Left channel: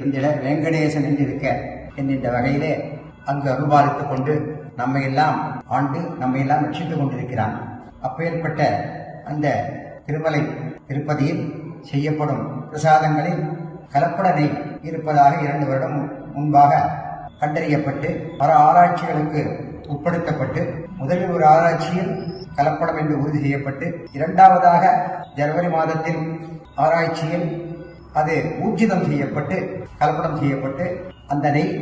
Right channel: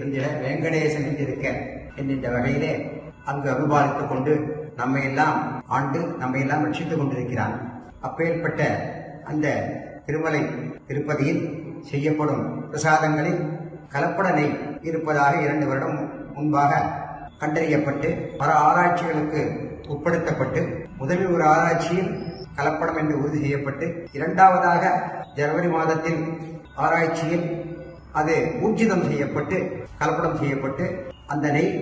தந்திட வெங்கடேசன் என்றிருக்க என்கின்ற வகையிலே அங்கு அருள்பாலித்துக் கொண்டு நம்மையெல்லாம் ஆண்டு நம்மையெல்லாம் ரட்சித்துக் கொண்டிருக்கிறான். அப்பேற்பட்ட அந்த திருமலை திருப்பதியில் செய்யப்படும் பிரசாதங்களில் கலப்பட நெய் இருப்பதாக 2 வருடம் முன்பாக கண்டறியப்பட்டு பல ஆராய்ச்சிகளுக்கு உட்படுத்தப்பட்டு முதலில் ஒரு ஆராய்ச்சியில் கலப்படம் என்று உறுதி செய்யப்பட்டு 2வதாக ஜனவரி மாதத்தில் ஆராய்ச்சியில் அது ஊர்ஜிதம் செய்யப்பட்டு கலப்படம் செய்யப்பட்டு அந்த நெய்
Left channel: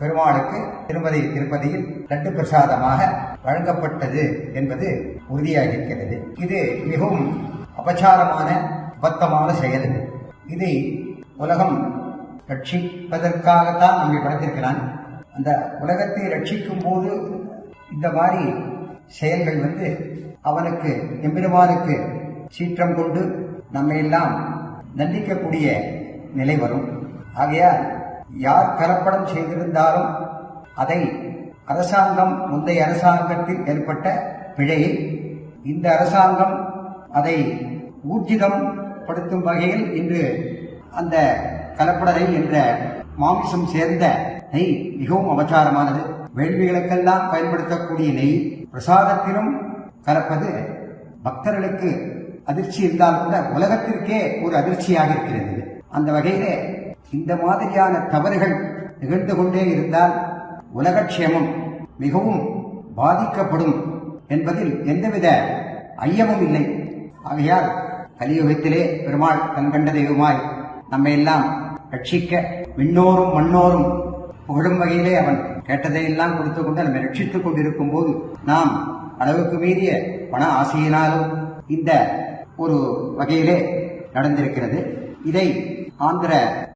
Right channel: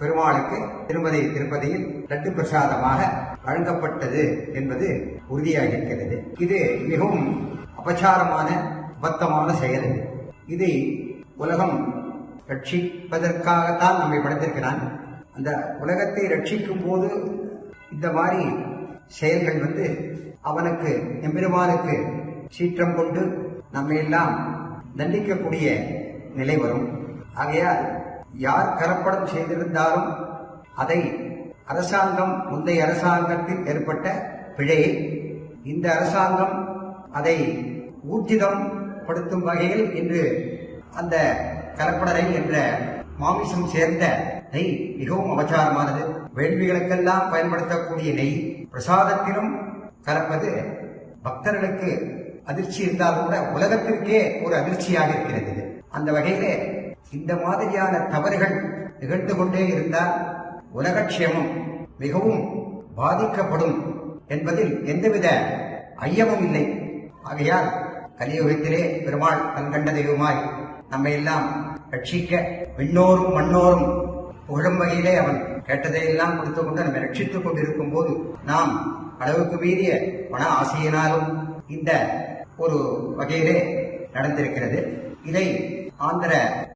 பெருமாளுக்கு திருப்பதியில் லட்டு பிரசாதமாக வழங்கப்பட்டது என்பது உறுதியாகியிருக்கிறது. இது மிகவும் அபச்சாரமான அபத்தமான செயல். இதை உலகம் ரட்சிப்பதற்காகத்தான் நம்மை படைத்திருக்கிறான். அந்த உலகத்தை ரட்சிக்கும் போது இந்த மாதிரி செயல்கள் அவனுக்கு எம்பெருமானுக்கு சீற்றம் கொண்டு நம்மை எல்லாம் தண்டிக்கக்கூடிய நிலை வரும். ஆகையால் யார் கலப்படம் செய்திருந்தாலும் அதை அரசாங்கம் முந்தைய அரசாங்கத்தில் ஏற்பட்ட பிழையை இந்த அரசாங்கம் அதை ஊர்ஜிதம் படுத்தும் வகையில் இன்று அந்த கலப்பட நெய் என்ற மாமிசம் சேர்ந்த நெய் மிகவும் அபச்சாரமானது. வேள்விகளுக்கெல்லாம் பயன்படுத்தக்கூடிய நெய் பிரசாதத்திலும் கலப்பது பக்தர்களுக்கு அதிர்ச்சி இருந்தால் கூட உலகத்திற்கே ஒரு அதிர்ச்சியாக இருக்கிறது. அந்த வகையிலே இந்த மாதிரியான தவறுகள் நிகழ்ந்து கொண்டே இருந்தால் உலகக்ஷேமம் மிகவும் பாதிக்கப்படும் என்பதில் எந்தவித ஐயமும் இல்லை. ஆகையால் கலியுகத்திலே பெருமாள் கண்கண்ட தெய்வமாய் நம்மை எல்லாம் ரட்சிக்க விண்ணோரும் மண்ணோரும் புகழும் வகையிலே அவன் கேட்டதையெல்லாம் கொடுத்து கொண்டு நம்மை ரட்சித்துக் கொண்டிருக்கும் போது நாம் அளவுக்கு மீறிய பண ஆசையினாலும் இந்த ஒரு வகையிலே நடந்திருக்கிறது. இதை ஆந்திர